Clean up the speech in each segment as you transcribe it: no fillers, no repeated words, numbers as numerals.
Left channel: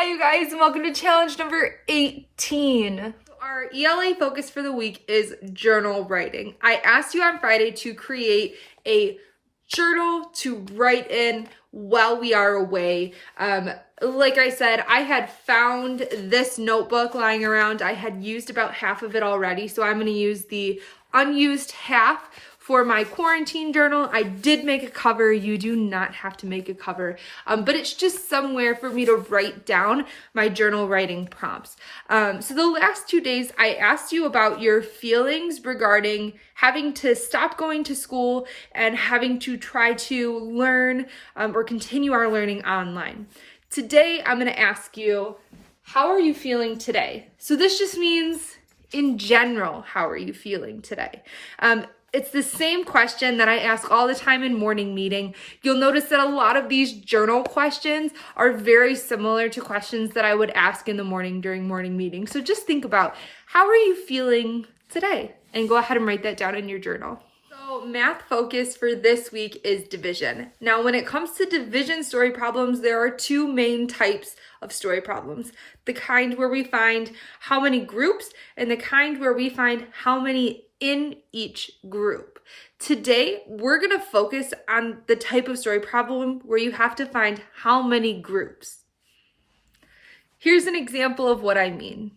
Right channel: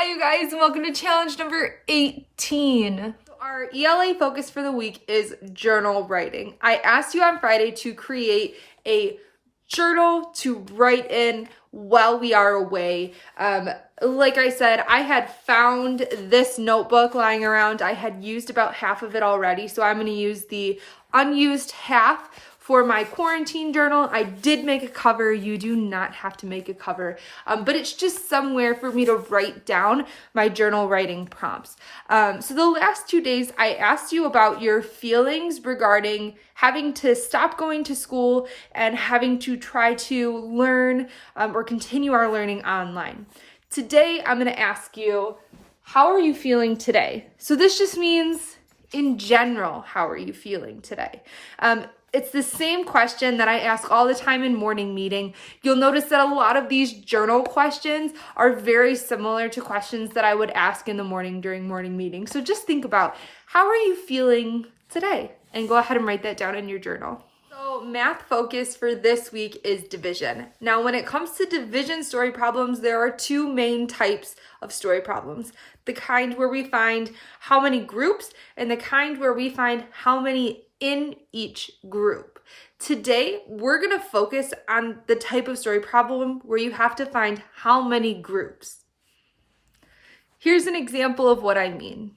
Hi you guys, and welcome to challenge number 18. Our ELA focus for the week is journal writing. I asked you on Friday to create a journal to write in while we are away. Like I said, I had found this notebook lying around. I had used about half of it already, so I'm going to use the unused half for my quarantine journal. I did make a cover. You do not have to make a cover, but it's just somewhere for me to write down my journal writing prompts. So the last 2 days, I asked you about your feelings regarding having to stop going to school and having to try to learn or continue our learning online. Today, I'm going to ask you, how are you feeling today? So this just means in general, how are you feeling today? It's the same question that I ask all the time in morning meeting. You'll notice that a lot of these journal questions are very similar to questions that I would ask in the morning during morning meeting. So just think about, how are you feeling today? And go ahead and write that down in your journal. So math focus for this week is division. Now, when it comes to division story problems, there are two main types of story problems. The kind where we find how many groups and the kind where we find how many in each group. Today, we're going to focus on the type of story problem where you have to find how many groups. Here's an example of what I mean.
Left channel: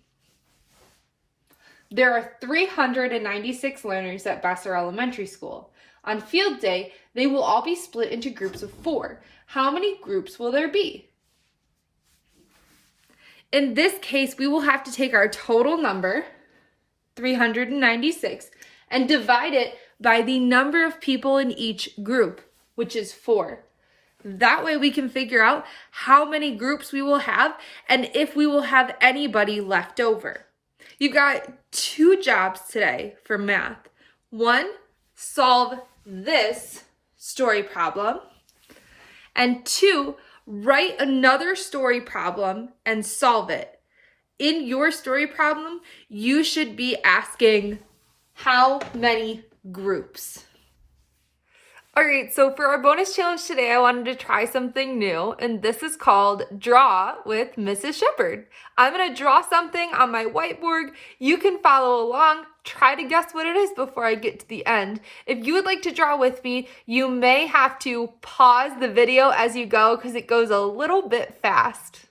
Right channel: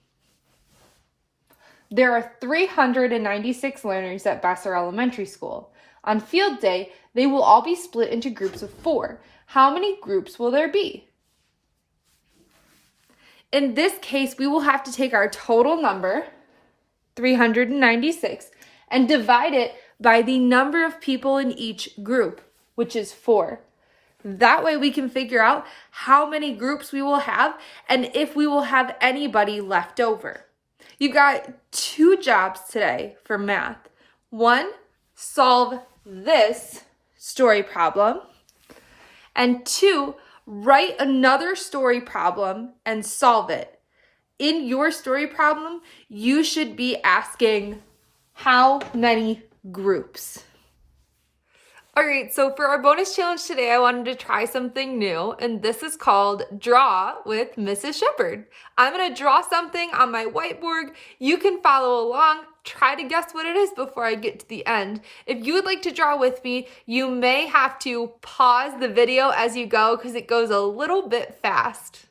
There are 396 learners at Vassar Elementary School. On field day, they will all be split into groups of 4. How many groups will there be? In this case, we will have to take our total number, 396, and divide it by the number of people in each group, which is 4. That way we can figure out how many groups we will have and if we will have anybody left over. You got 2 jobs today for math. 1, solve this story problem. And 2, write another story problem and solve it. In your story problem, you should be asking how many groups. All right, so for our bonus challenge today, I wanted to try something new, and this is called Draw with Mrs. Shepard. I'm gonna draw something on my whiteboard. You can follow along, try to guess what it is before I get to the end. If you would like to draw with me, you may have to pause the video as you go because it goes a little bit fast.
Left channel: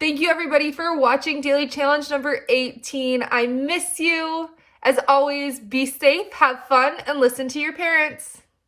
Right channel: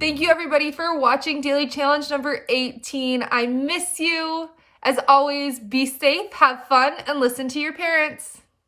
Thank you everybody for watching daily challenge number 18. I miss you. As always, be safe, have fun, and listen to your parents.